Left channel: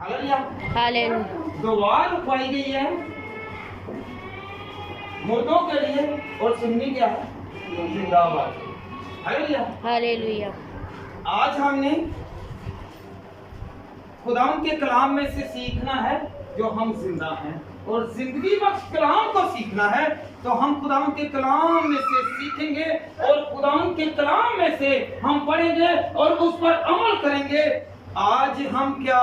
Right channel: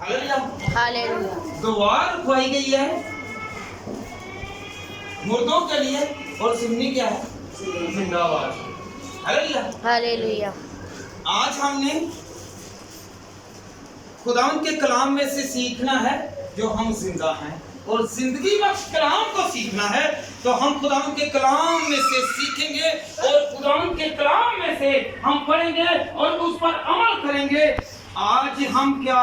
Hallelujah. दुआ रुकवाई गई है मुर्दों के लिए और सुन्नी क्या है? जिंदाबाद। हालेलुया। हालेलुया। आज हमने खुदावंद के कलाम में से सीखना है जो हम जिंदा हैं, और जिंदगी बख्श कलाम को सीखना है तो हम खुदावंद के कलाम में से सीखेंगे और खुदावंद के कलाम में से हम पढ़ेंगे और उस पर अमल करेंगे। आज हम क्या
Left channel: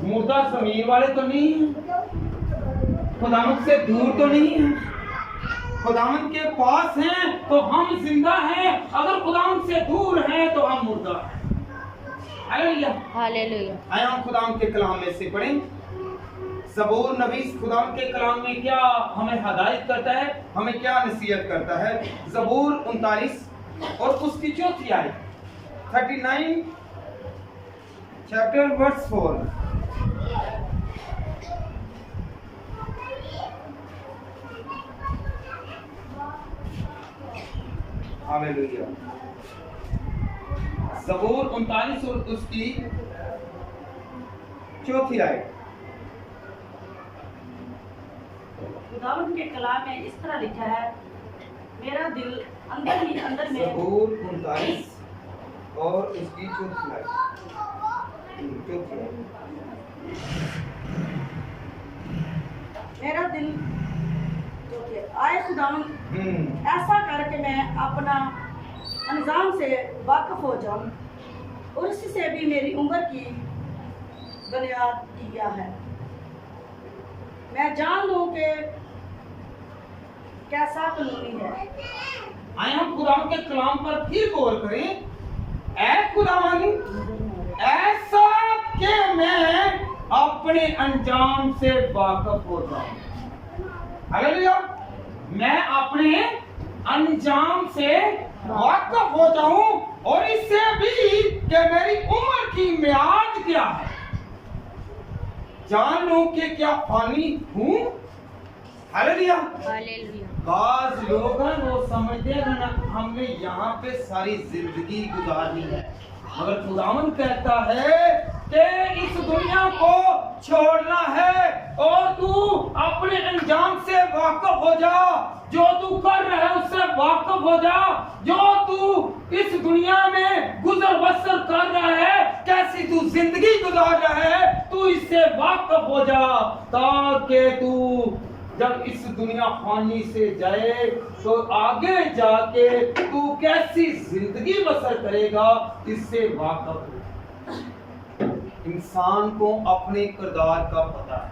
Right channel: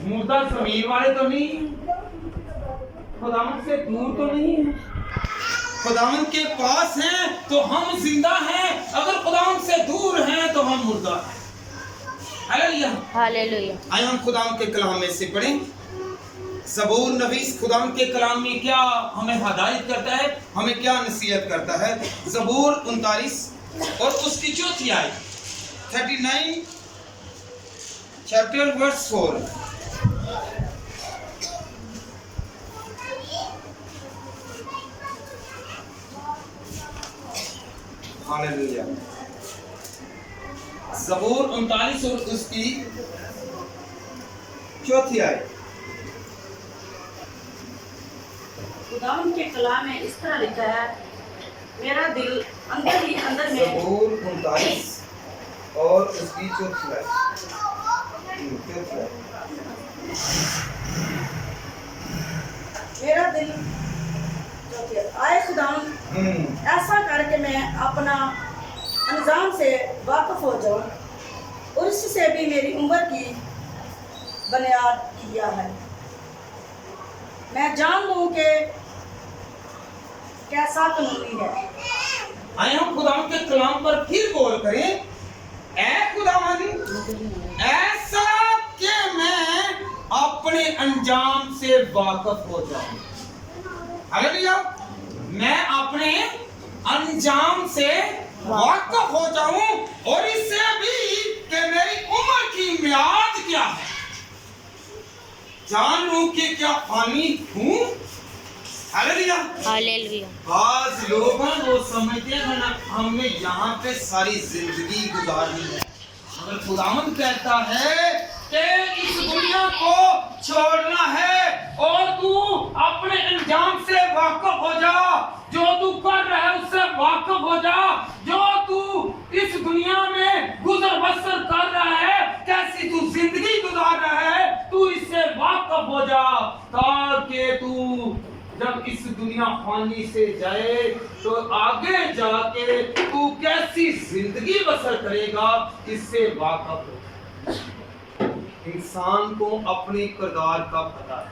मुर्दा ज़मीर वाले तो नहीं हैं, खुदावंद से दूर तो नहीं हैं, खुदावंद के पास हैं तो हम जिंदा हैं, अगर खुदावंद से दूर हैं तो हम मुर्दा हैं। हालेलुया। हालेलुया। आइए हम खुदावंद के कलाम में से पढ़ें। ज़बूर नवीस खुदावंद के कलाम में क्या हमें हदायत करता है, हमें क्या नसीहत करता है। ज़बूर 39 और उसकी चौथी आयत 39 चैप्टर वर्स 4। हालेलुया। ज़बूर 39 और उसकी चौथी आयत। खुदावंद के कलाम में इस तरह लिखा है, मेरा दिल अंदर ही अंदर में। ज़बूर 39 और उसकी चौथी आयत। मेरा दिल आए खुदावंद, ऐसा करके मैं अपना अंजाम से वाकिफ हो जाऊं और उससे भी मेरी उम्र की बुनियाद किया है। मैं जान लूं कि कैसा कानूनी है। आइए हम खुदावंद के कलाम पर फिर गौर करें। ऐ खुदावंद, ऐसा कि मैं अपने अंजाम से वाकिफ हो जाऊं। हालेलुया। मैं अपने अंजाम से वाकिफ हो जाऊं और इससे भी कि मेरी उम्र की मियाद क्या है, जानूं कि क्या फानी हूं। हालेलुया। हालेलुया। बाज लोग हैं वो समझते हैं ना हमने यहाँ पे सारी जिंदगी गुजारनी है, मगर खुदावंद कहता है कि इस दुनिया को छोड़ना है और तू अपने अंजाम से वाकिफ हो जा। जो तू कर रहा है उससे वाकिफ हो जा। जो तू इस दुनिया में गुजर बसर कर रहा है, कैसी तू जिंदगी गुजार रहा है, तू इससे वाकिफ हो जा, ताकि तू जब इस दुनिया फानी से जाए तो आगे जाके तू कैसी जिंदगी बसर करेगा, इससे वाकिफ हो। इंसान को अपने किरदार का पता है,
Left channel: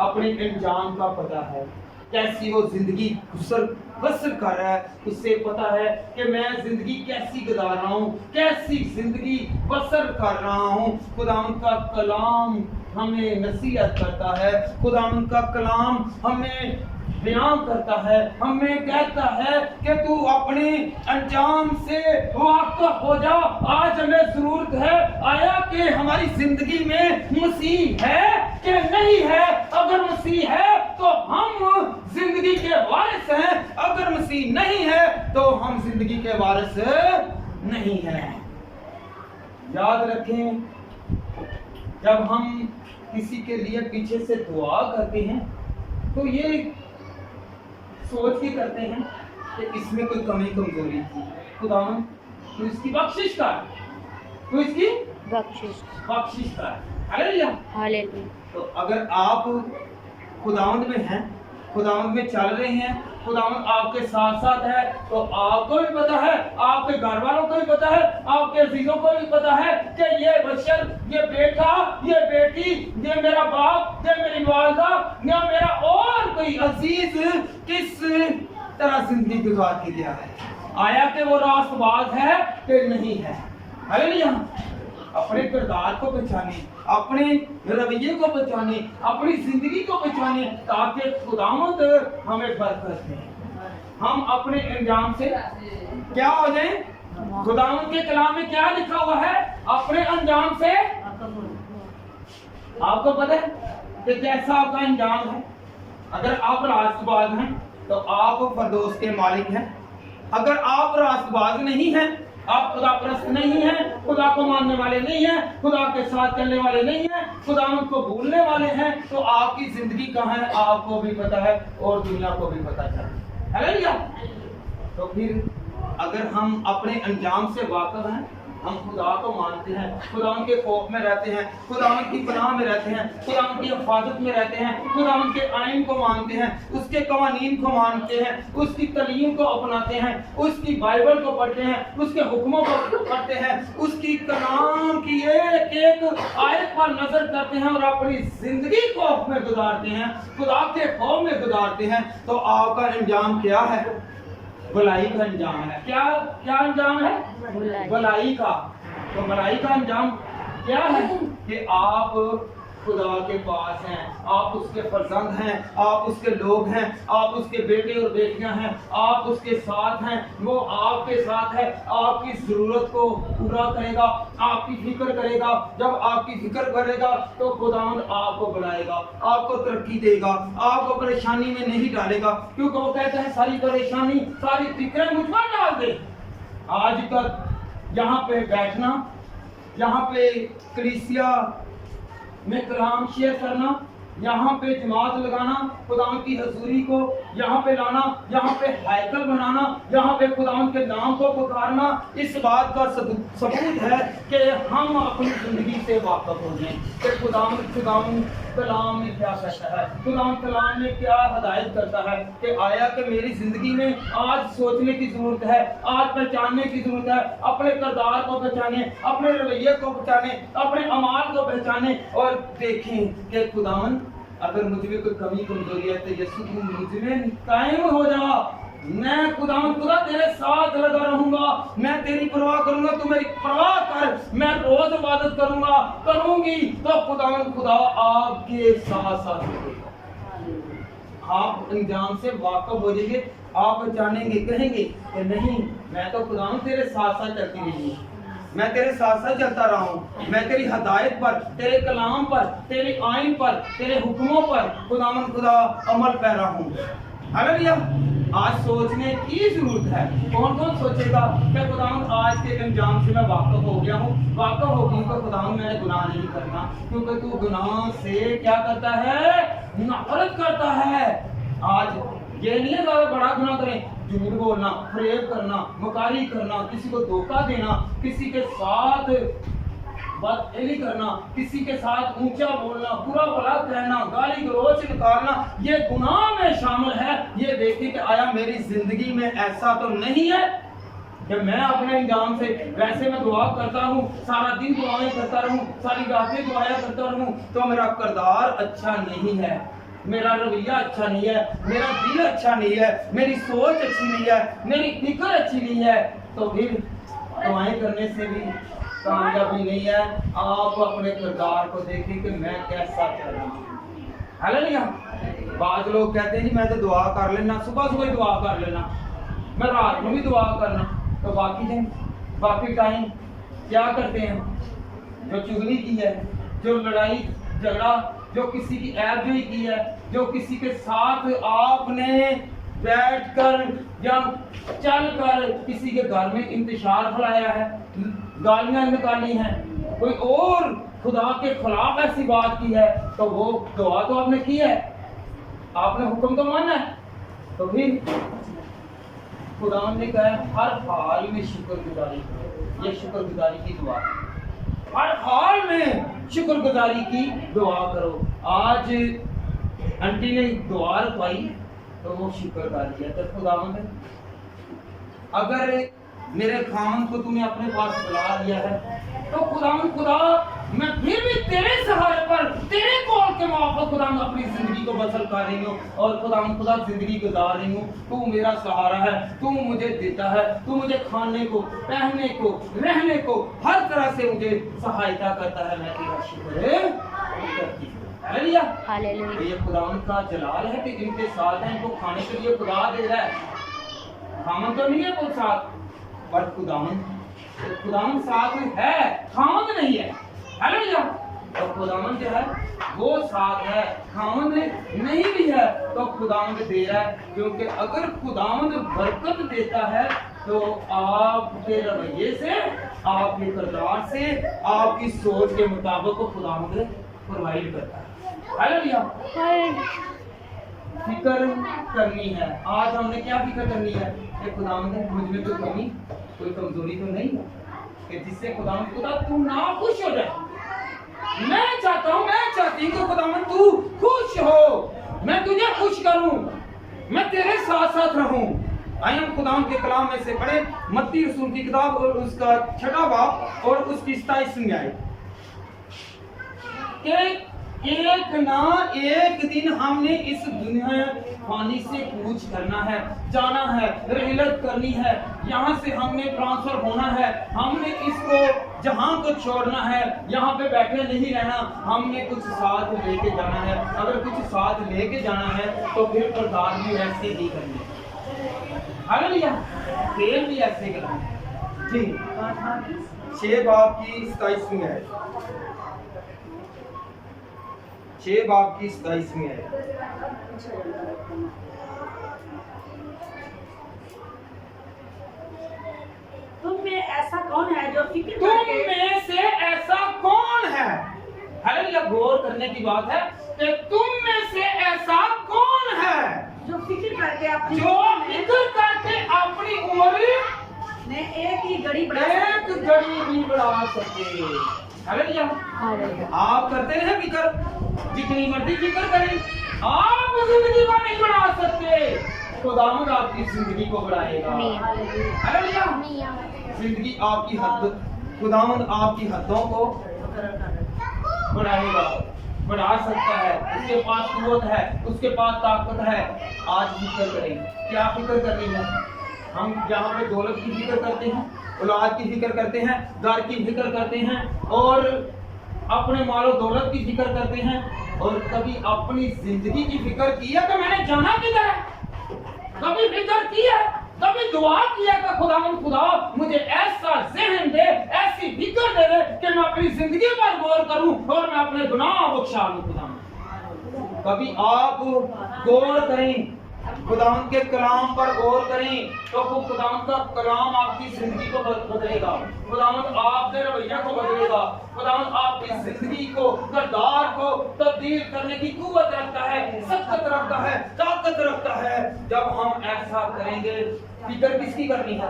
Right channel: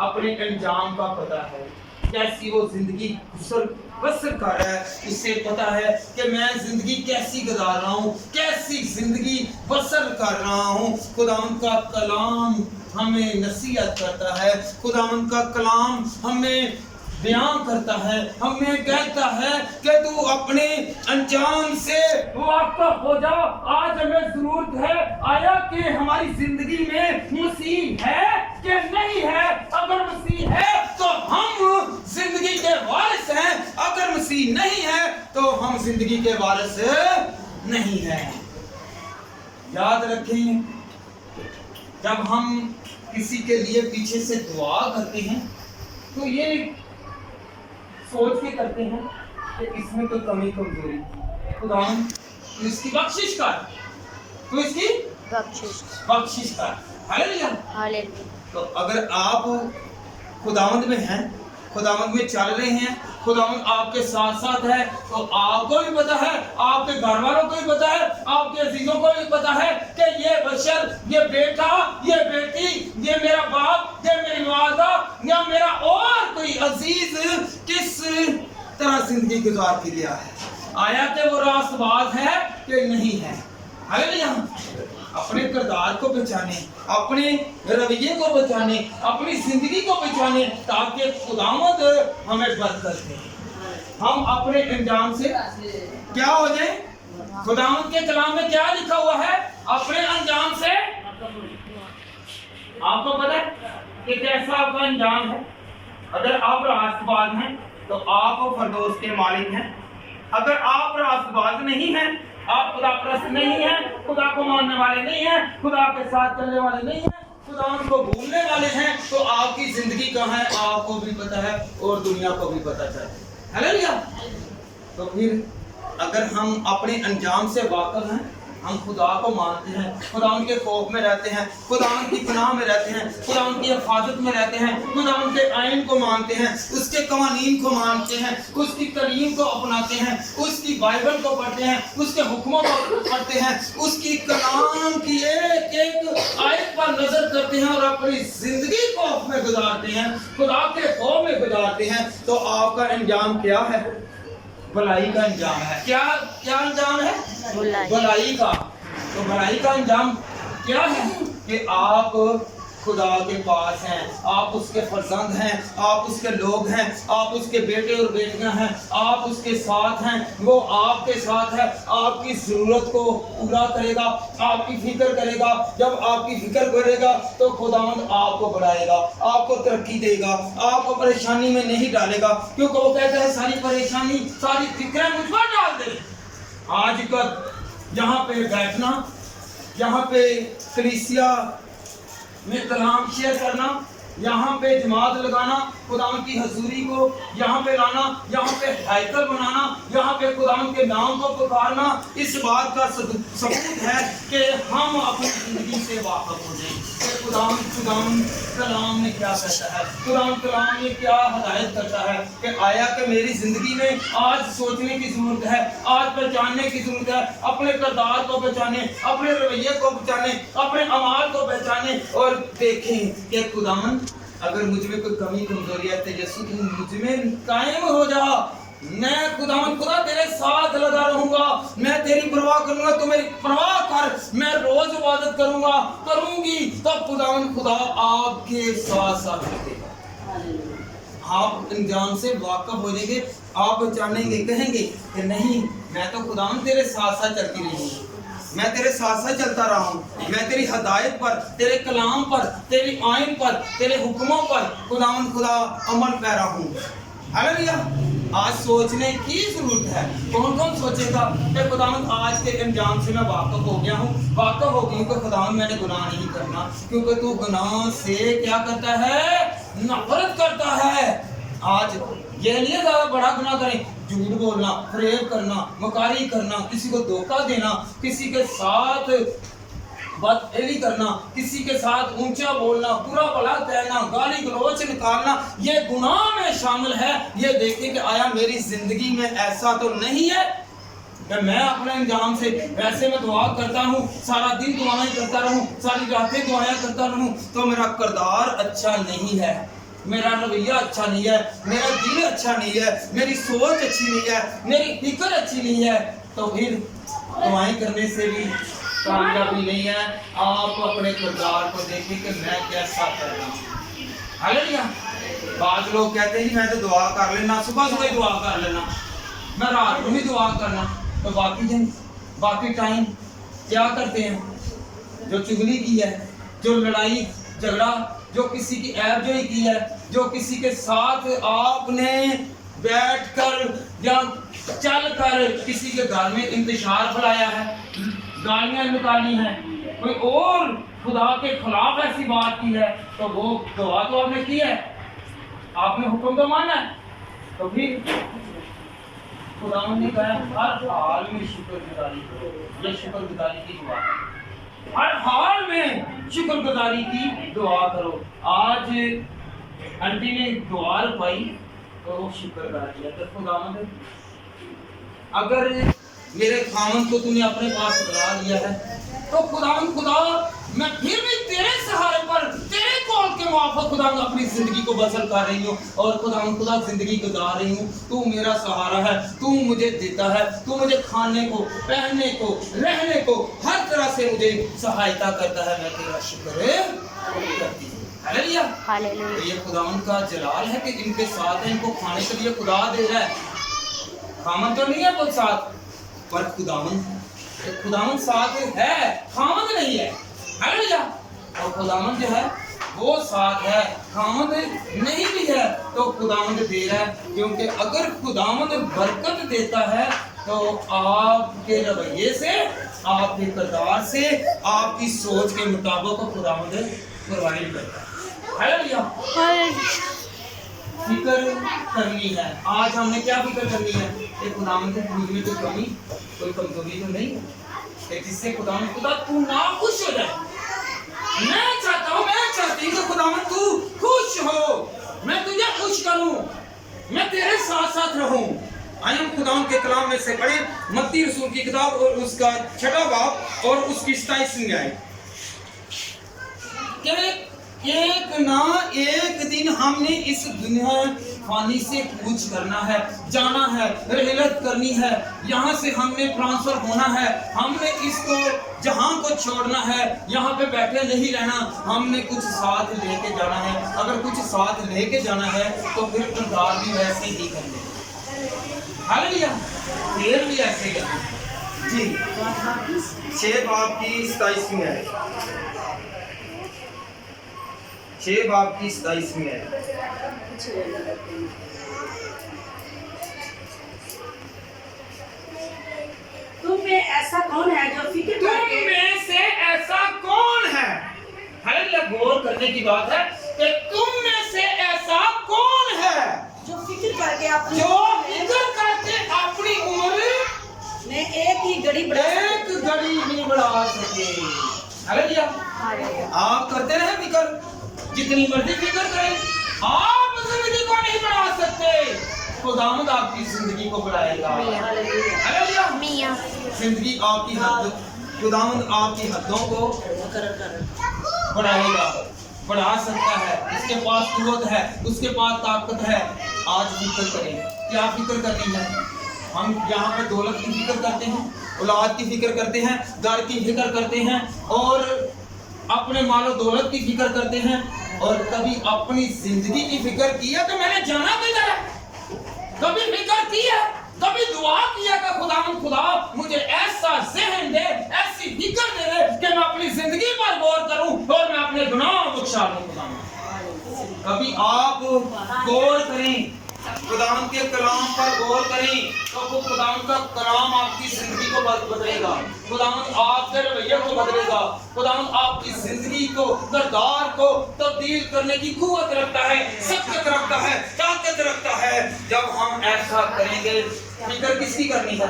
अपने अंजाम का पता है, कैसी वो जिंदगी बसर कर रहा है, उससे पता है कि मैं जिंदगी कैसी गुजार रहा हूँ, कैसी जिंदगी बसर कर रहा हूँ। खुदावंद का कलाम हमें नसीहत करता है, खुदावंद का कलाम हमें बयान करता है, हमें कहता है कि तू अपने अंजाम से वाकिफ हो जा। आज हमें जरूरत है आया कि हमारी जिंदगी में मसीह है कि नहीं है। अगर मसीह है तो हम जिंदगी के वारिस हैं, अगर मसीह नहीं है तो हम जिंदगी के वारिस नहीं हैं। याद रखें, जब हम किसी के लिए पीछे से दुआ करते हैं तो ये सोच के करते हैं कि इसमें कोई कमी कमजोरी थी, खुदावंद तू इसकी बख्शिश कर, तू इसकी बख्शिश कर। हालेलुया। हालेलुया। तो अगर आप खुदावंद में हैं, खुदावंद में चल रहे हैं, खुदावंद आपके साथ साथ है, तो आपको भी पता है, आपके घर वालों को भी पता है, आपके अजीजों को भी पता है कि ये बशर, ये बेटा, ये बेटी, ये मेरा बाप, ये मेरी वालदा या मेरा और कोई अजीज किस तरह जिंदगी गुजार के लिया है, आया कि वो रास्तबाज है कि नहीं है। हालेलुया। अपने किरदार को पहचाने, अपने रवैये को पहचाने, अपनी जिंदगी को पहचाने, ताकि खुदावंद हमें बरकत दे, हम अपने अंजाम से क्या हो जाए। खुदावंद के कलाम में क्या लिखा हुआ है, अपने अंजाम से। आपको पता है कि कैसा आपका अंजाम है। अगर आप रास्तबाज हैं तो आप फरदौस के मालिक हैं, अगर आप रास्तबाज नहीं हैं आप खुदा परस्त नहीं हैं, खुदा को मानने वाले नहीं हैं, खुदा के साथ चलने वाले नहीं हैं, खुदा उनको भूलने वाले हैं, तो आपकी जिंदगी कहाँ है आपको भी पता है और दुनिया को भी पता चले। हालेलुया। तो फिर अगर हम अपने अंजाम से वाकिफ हैं, हम खुदा को मानते हैं, खुदा उनके खौफ में रहते हैं, खुदा उनकी पनाह में रहते हैं, खुदा उनकी हिफाजत में रहते हैं, खुदा उनके आइन को मानते हैं, उसके कवानीन को मानते हैं, उसकी तालीम को अपनाते हैं, उसकी बाइबल को पढ़ते हैं, उसके हुक्मों को पढ़ते हैं, उसकी कलाम की एक एक आयत पर नजर करते हैं और अपनी जिंदगी खौफ में गुजारते हैं, खुदा के खौफ में गुजारते हैं, तो आपका अंजाम क्या है? भलाई का अंजाम है। क्या क्या अंजाम है? भलाई का। तो भलाई का अंजाम क्या है? कि आप खुदा के पास हैं, आप उसके फर्जंद हैं, आप उसके लोग हैं, आप उसके बेटे और बेटियां हैं, आप उसके साथ हैं, वो आपके साथ है, आपकी ज़रूरत को पूरा करेगा, आपकी फिक्र करेगा। जब आपकी फिक्र करेगा तो खुदावंद आपको बढ़ाएगा, आपको तरक्की देगा, आपको परेशानी में नहीं डालेगा, क्योंकि वो कहते हैं सारी परेशानी सारी फिक्रें मुझ पर डाल दे। आज का यहाँ पे बैठना, यहाँ पे कलीसिया में कलाम शेयर करना, यहाँ पे जमात लगाना, खुदावंद की हजूरी को यहाँ पे लाना, यहाँ पे हैकल बनाना, यहाँ पे खुदावंद के नाम को पुकारना, इस बात का सबूत है कि हम अपनी जिंदगी से वाकिफ हो जाएं कि खुदावंद कलाम में क्या कहता है, खुदावंद कलाम में क्या हदायत करता है। कि आया कि मेरी जिंदगी में आज सोचने की जरूरत है, आज पहचानने की जरूरत है, अपने किरदार को पहचाने, अपने रवैये को पहचाने, अपने अमाल को पहचाने और देखें कि खुदावंद अगर मुझ में कोई कमी कमजोरी है तो यीशु तू मुझ में कायम हो जा। मैं खुदावंद खुदा तेरे साथ लगा रहूंगा, मैं तेरी परवाह करूंगा, तू मेरी परवाह कर, मैं रोज इबादत करूंगा करूंगी, तो खुदावंद खुदा आपके साथ साथ रहेगा। आप अंजाम से वाकिफ हो जाएंगे, आप पहचानेंगे, कहेंगे कि नहीं मैं तो खुदावंद तेरे साथ साथ चलती रही हूँ, मैं तेरे साथ साथ चलता रहा हूँ, मैं तेरी हदायत पर, तेरे कलाम पर, तेरी आइन पर, तेरे हुक्मों पर खुदावंद खुदा अमल पैरा हूँ। हालेलुया। आज सोचने की जरूरत है। कौन कौन सोचेगा कि खुदावंद आज के अंजाम से मैं वाकिफ हो गया हूँ, वाकिफ हो गई हूँ कि खुदावंद मैंने गुनाह नहीं करना, क्योंकि तू गुनाह से क्या करता है? नफरत करता है। आज ये नहीं है ज़्यादा बड़ा गुनाह करें, झूठ बोलना, फरेब करना, मकारी करना, किसी को धोखा देना, किसी के साथ बदफेली करना, किसी के साथ ऊंचा बोलना, बुरा भला कहना, गाली गलौच निकालना, ये गुनाह में शामिल है। ये देखिए कि आया मेरी जिंदगी में ऐसा तो नहीं है कि मैं अपने अंजाम से, वैसे मैं दुआ करता हूँ, सारा दिन दुआएं करता रहूँ, सारी रातें दुआएं करता रहूँ, तो मेरा किरदार अच्छा नहीं है, मेरा रवैया अच्छा नहीं है, मेरा दिल अच्छा नहीं है, मेरी सोच अच्छी नहीं है, मेरी फिक्र अच्छी नहीं है, तो फिर दुआएं करने से भी कामयाबी नहीं है। आप अपने किरदार को देखिए कि मैं कैसा कर रहा हूँ। हालेलुया। बाद लोग कहते हैं मैं तो दुआ कर लेना, सुबह सुबह दुआ कर लेना, मैं रात में भी दुआ करना, तो बाकी दिन बाकी टाइम क्या करते हैं? जो चुगली की है, जो लड़ाई झगड़ा, जो किसी की ऐबजोई की है, जो किसी के साथ आपने बैठकर या चलकर किसी के घर में इंतशार फैलाया है, गालियां निकाली हैं, कोई और खुदा के खिलाफ ऐसी बात की है, तो वो दुआ तो आपने की है, आपने हुक्म तो माना है, तो फिर खुदा ने कहा हर हाल में शुक्रगुजारी करो। ये शुक्रगुजारी की दुआ है, हर हाल में शुक्रगुजारी की दुआ करो। आज आंटी ने दुआ रखवाई तो वो शुक्र कर दिया, तो खुदावंद अगर मेरे खामन को तूने अपने पास बुला लिया है, तो खुदावंद खुदा मैं फिर भी तेरे सहारे पर, तेरे कॉल के मुआफ़िक़ खुदावंद अपनी जिंदगी को बसर कर रही हूँ, और खुदावंद खुदा जिंदगी गुजार रही हूँ। तू मेरा सहारा है, तू मुझे देता है, तू मुझे खाने को, पहनने को, रहने को, हर तरह से मुझे सहायता करता है। मैं तेरा शुक्र करती हूँ। हालेलुया। हालेलुया। ये खुदावंद का जलाल है कि इनके साथ है, इनको खाने के लिए खुदा दे रहा है, खामन तो नहीं है कोई साथ, पर खुदावंद साथ है, खामन नहीं है। हालेलुया। तो खुदावंद जो है वो साथ है, खामन नहीं भी है, तो खुदावंद दे रहा है, क्योंकि अगर खुदावंद बरकत देता है तो आपके रवैये से, आपके किरदार से, आपकी सोच के मुताबिक को खुदावंद प्रोवाइड करता है। हालेलुया। फिक्र करनी है। आज हमने क्या फिक्र करनी है कि खुदावंद मुझ में कोई कमी, कोई कमजोरी तो नहीं है कि जिससे खुदावंद खुदा तू ना खुश हो जाए। मैं चाहता हूँ, मैं चाहती हूँ कि खुदावंद तू खुश हो, मैं तुझे खुश करूँ, मैं तेरे साथ साथ रहूँ। आइए हम खुदावंद के कलाम में से पढ़ें मत्ती रसूल की किताब और उसका 6वां बाब और उसकी 27वीं आयत। एक ना एक दिन हमने इस दुनिया फानी से कूच करना है, जाना है, रहलत करनी है, यहाँ से हमने ट्रांसफर होना है, हमने इसको जहाँ को छोड़ना है, यहाँ पे बैठे नहीं रहना, हमने कुछ साथ लेके जाना है। अगर कुछ साथ लेके जाना है तो फिर किरदार भी वैसे ही करने, हालेलुया, फिर भी ऐसे करने। जी 6 बाब की 27वीं आयत, 6 बाब की 27वीं आयत। तुम में ऐसा कौन है जो फिक्र तुम करके में से ऐसा कौन है, हालेलुया, गौर करने की बात है कि तुम में से ऐसा कौन है जो फिक्र करके अपनी जो फिक्र करके अपनी उम्र में एक ही घड़ी बढ़ा एक घड़ी भी बढ़ा सके। हालेलुया। आप करते रहे फिक्र, जितनी मर्जी फिक्र करें, आप जिंदगी को नहीं बढ़ा सकते। खुदावंद आपकी जिंदगी को बढ़ाएगा। हालेलुया। जिंदगी आपकी हद, खुदावंद आपकी हदों को बढ़ाएगा, बढ़ा सकता है। उसके पास कुव्वत है, उसके पास ताकत है। आज फिक्र करें, क्या फिक्र करनी है? हम यहाँ पे दौलत की फिक्र करते हैं, औलाद की फिक्र करते हैं, घर की फिक्र करते हैं और अपने मालो दौलत की फिक्र करते हैं, और कभी अपनी जिंदगी की फिक्र की है कि मैंने जाना किधर है? कभी फिक्र की है, कभी दुआ किया कि खुदा मुझे ऐसा ज़हन दे, ऐसी फिक्र दे दे कि मैं अपनी जिंदगी पर गौर करूं और मैं अपने गुनाह बख्शा लूं। खुदावंद, कभी आप गौर करें, खुदावंद के कलाम पर गौर करें, तो वो खुदावंद का कलाम आपकी जिंदगी को बदलेगा, खुदावंद आपके रवैये को बदलेगा, खुदावंद आपकी जिंदगी को, किरदार को तब्दील करने की कुव्वत रखता है, शक्ति रखता है, ताकत रखता है। जब हम ऐसा करेंगे, फिक्र किसकी करनी है?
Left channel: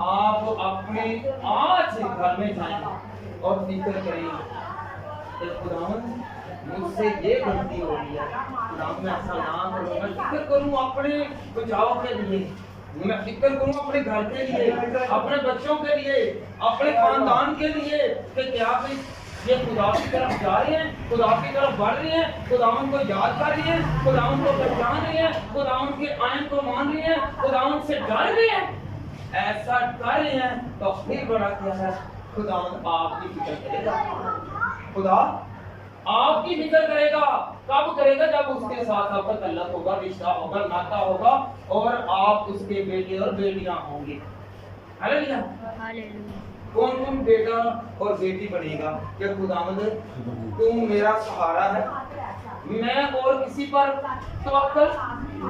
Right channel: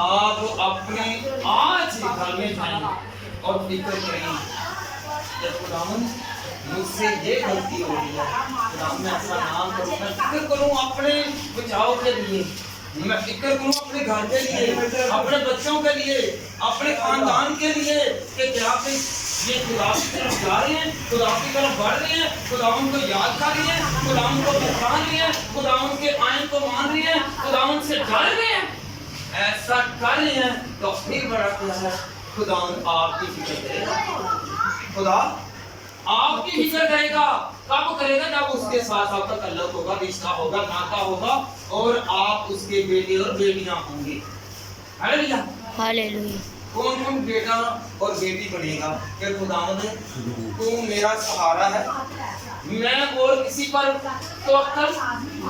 आप अपने आज घर में जाएं और फिक्र करें कि खुदावंद मुझसे ये गलती हो रही है, खुदावंद मैं ऐसा ना करूं, मैं फिक्र करूं अपने बचाव के लिए, मैं फिक्र करूं अपने घर के लिए, अपने बच्चों के लिए, अपने खानदान के लिए कि क्या ये खुदा की तरफ जा रहे हैं, खुदा की तरफ बढ़ रहे हैं, खुदावंद को याद कर रही हैं, खुदावंद को पहचान रही हैं, खुदावंद के आइन को मान रही हैं, खुदावंद से डर रहे हैं। ऐसा कर रहे हैं तो फिर बड़ा क्या है, खुदावंद आपकी फिक्र करेगा। खुदा आपकी फिक्र करेगा। कब करेगा? जब उसके साथ आपका तल्लुक होगा, रिश्ता होगा, नाता होगा और आप उसके बेटे और बेटियां होंगे। हालेलुया। हालेलुया। कौन कौन बेटा और बेटी बनेगा? कि खुदावंद तू मेरा सहारा है, मैं और किसी पर तवक्कुल,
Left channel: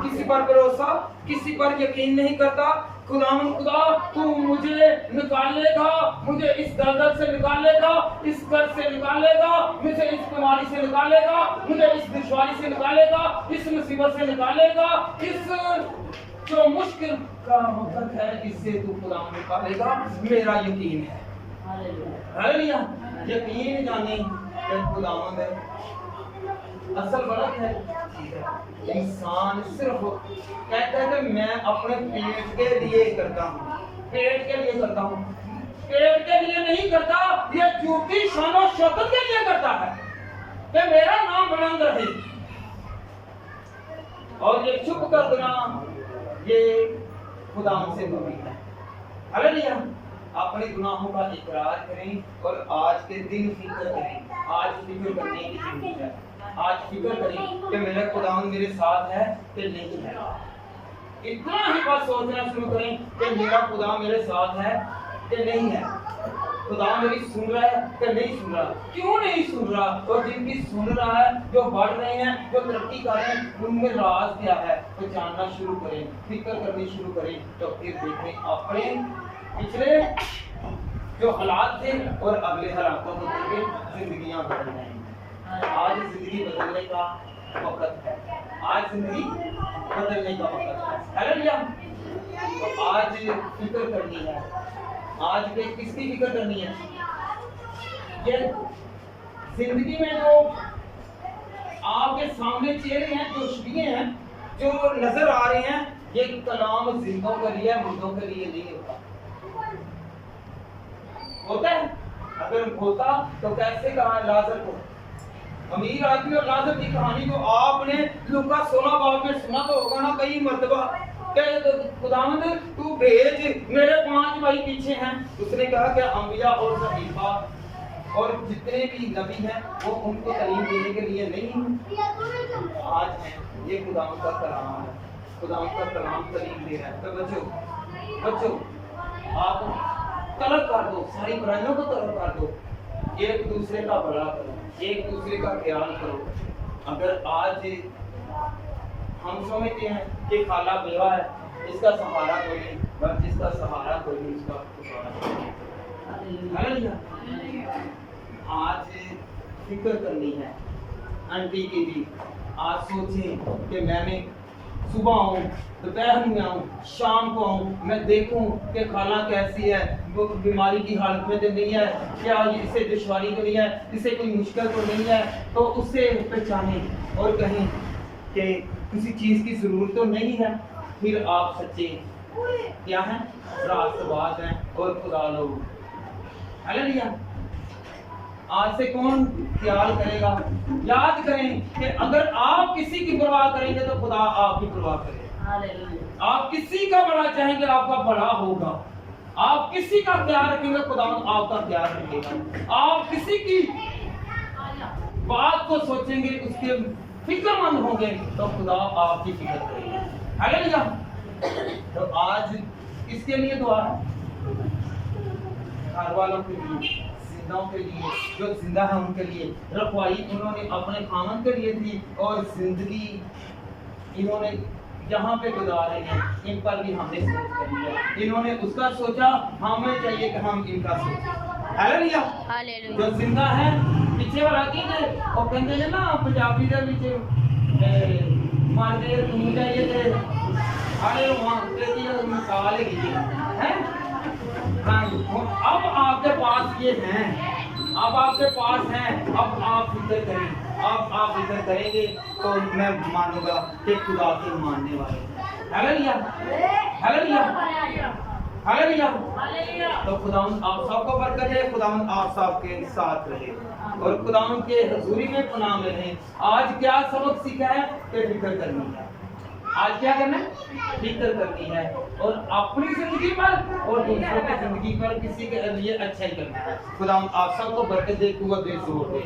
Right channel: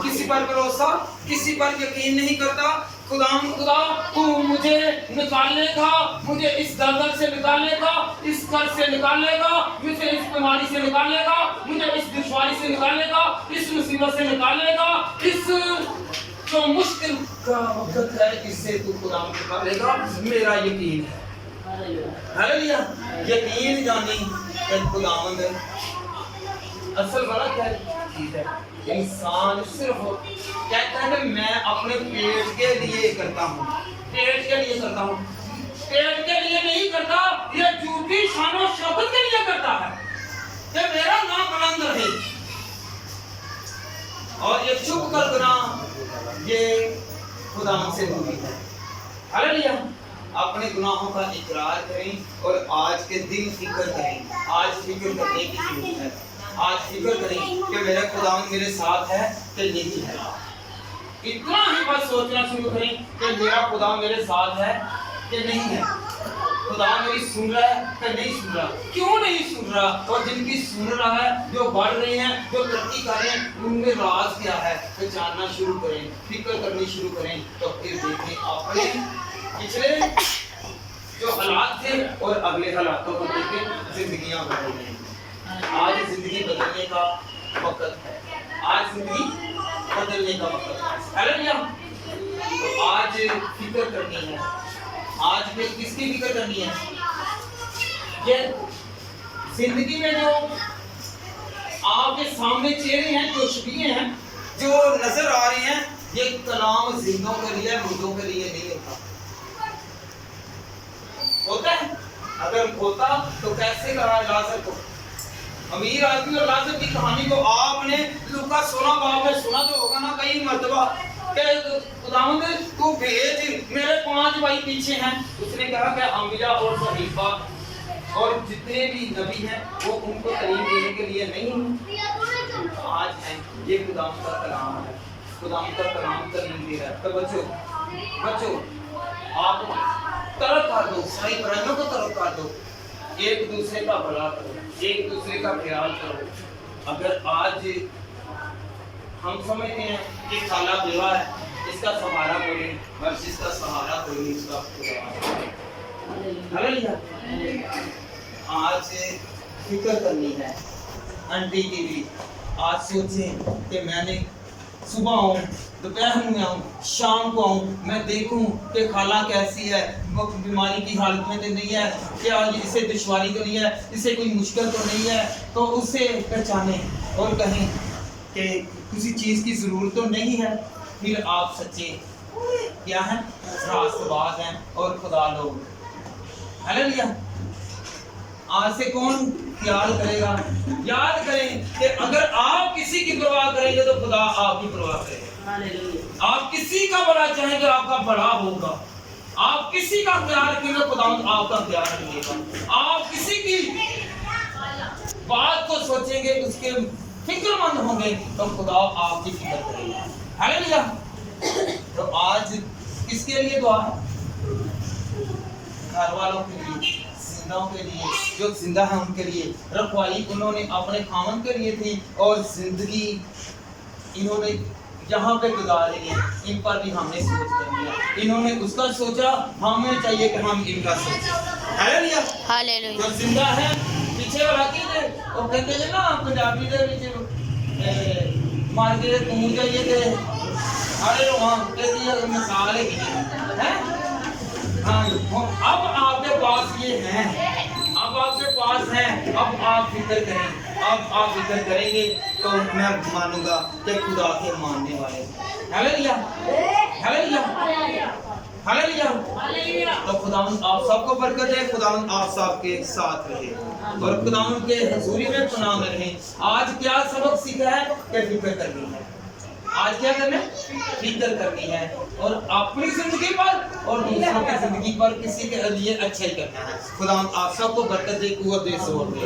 किसी पर भरोसा, किसी पर यकीन नहीं करता। खुदा तू मुझे निकालेगा, मुझे इस दलदल से निकालेगा, इस कर्ज से निकालेगा, मुझे इस बीमारी से निकालेगा, मुझे इस दुश्वारी से निकालेगा, इस मुसीबत से निकालेगा, इस जो मुश्किल का वक्त है इससे तू खुदा निकालेगा। मेरा यकीन है। हालेलुया। यकीन जाने कि खुदावंद असल बात है इंसान सिर्फ कहता है कि मैं अपने पेट के लिए करता हूँ, पेट के लिए करता हूँ, पेट के लिए नहीं करता, ये झूठी शानो शौकत के लिए करता है कि मेरा नाम बुलंद रहे, और ये चुप कर देना ये खुदा से दूरी है। हालेलुया। अपने गुनाहों का इकरार करें और आज के दिन फिक्र करें। आज फिक्र करने की जरूरत है। आज फिक्र करें कि मेरा खुदावंद मेरे साथ है कि नहीं है। इतना ही बात सोचना शुरू करें कि मेरा खुदा मेरे साथ है कि नहीं है। खुदा मेरी सुन रहा है कि नहीं सुन रहा, क्यों नहीं सुन रहा, और जिनकी सुन रहा है, जो बढ़ रहे हैं, जो तरक्की कर रहे हैं, उनमें राज क्या है, तो जानना शुरू करें, फिक्र करनी शुरू करें, तो फिर देखें अपने पिछले जो हालात थे और अगले हालातों को देखें, जिंदगियां बदल रही हैं। आज जिंदगी बदलने का वक्त है, आज जिंदगी बदलने का वक्त है। हालेलुया। तो आज फिक्र करनी है, आज पे किसकी फिक्र करनी है? ये जिंदगी में जो आपके सामने चेहरे हैं, जो छवियां हैं, जो नजर आ रही हैं, ये कलाम जिंदों के लिए, मुर्दों के लिए नहीं होता। होता है? अगर होता तो कैसे कहा लाजर को, अमीर आदमी और लाजर की कहानी को आपने लूका 16 बाब में सुना तो होगा ना कई मर्तबा, खुदावंद तू भेज, मेरे 5 भाई पीछे हैं। उसने कहा कि अंबिया और सहीफा और जितने भी नबी हैं वो उनको तालीम देने के लिए नहीं हैं, आज हैं। ये खुदावंद का कलाम है, खुदावंद का कलाम तालीम दे रहा है। तो बच्चों आप तरक कर दो, सारी बुराइयों को तरक कर दो, एक दूसरे का भला करो, एक दूसरे का ख्याल करो। अगर आज हम समझते हैं कि खाला बेवा है, इसका सहारा कोई नहीं, बस जिसका सहारा कोई नहीं, इसका खुदा है। हालेलुया। आज फिक्र करनी है आंटी की भी। आज सोचें कि मैंने सुबह आऊँ, दोपहर में आऊँ, शाम को आऊँ, मैं देखूँ कि खाला कैसी है, वो बीमारी की हालत में तो नहीं है, क्या इसे दुश्वारी तो नहीं है, इसे कोई मुश्किल तो नहीं है, तो उसे पहचाने और कहें कि किसी चीज़ की ज़रूरत तो नहीं है। फिर आप सच्चे क्या हैं? रास्तबाज हैं और खुदा लोग। हालेलुया। आज से कौन प्यार करेगा? याद करें कि अगर आप किसी की परवाह करेंगे तो खुदा आपकी परवाह करेगा। हालेलुया। आप किसी का भला चाहेंगे, आपका भला होगा। आप किसी का ख्याल रखेंगे, खुदा आपका ख्याल रखेगा। आप किसी की बात को सोचेंगे, उसके फिक्रमंद होंगे, तो खुदा आपकी फिक्र करेगा। हालेलुया। तो आज किसके लिए दुआ है? घर वालों के लिए, जिंदाओं के लिए, जो जिंदा है उनके लिए। रखवाली उन्होंने अपने खामन के लिए थी और जिंदगी इन्होंने जहाँ पे गुजारी है, इन पर भी हमने सोच करनी है। इन्होंने उसका सोचा, हमें चाहिए कि हम इनका सोचें। हालेलुया। हालेलुया। जो जिंदा है, पीछे वाला की दे और कहते हैं ना पंजाबी दे विच मार के तू जाइए थे अरे वहाँ कहती मिसाल है हैं। हाँ, अब आपके पास ये हैं, अब आपके पास हैं, अब आप फिक्र करें, अब आप फिक्र करेंगे तो मैं मानूंगा कि खुदा के मानने वाले। हालेलुया। हालेलुया। हालेलुया। तो खुदावंद आप सबको बरकत दे, खुदावंद आप सबके साथ रहे और खुदावंद के हजूरी में पनाह में रहें। आज क्या सबक सीखा है कि फिक्र करनी है। आज क्या करना है? फिक्र करनी है, और अपनी जिंदगी पर और दूसरों की जिंदगी पर किसी के लिए अच्छा ही करना है। खुदावंद आप सबको बरकत दे, कुव्वत दे, जोर दे।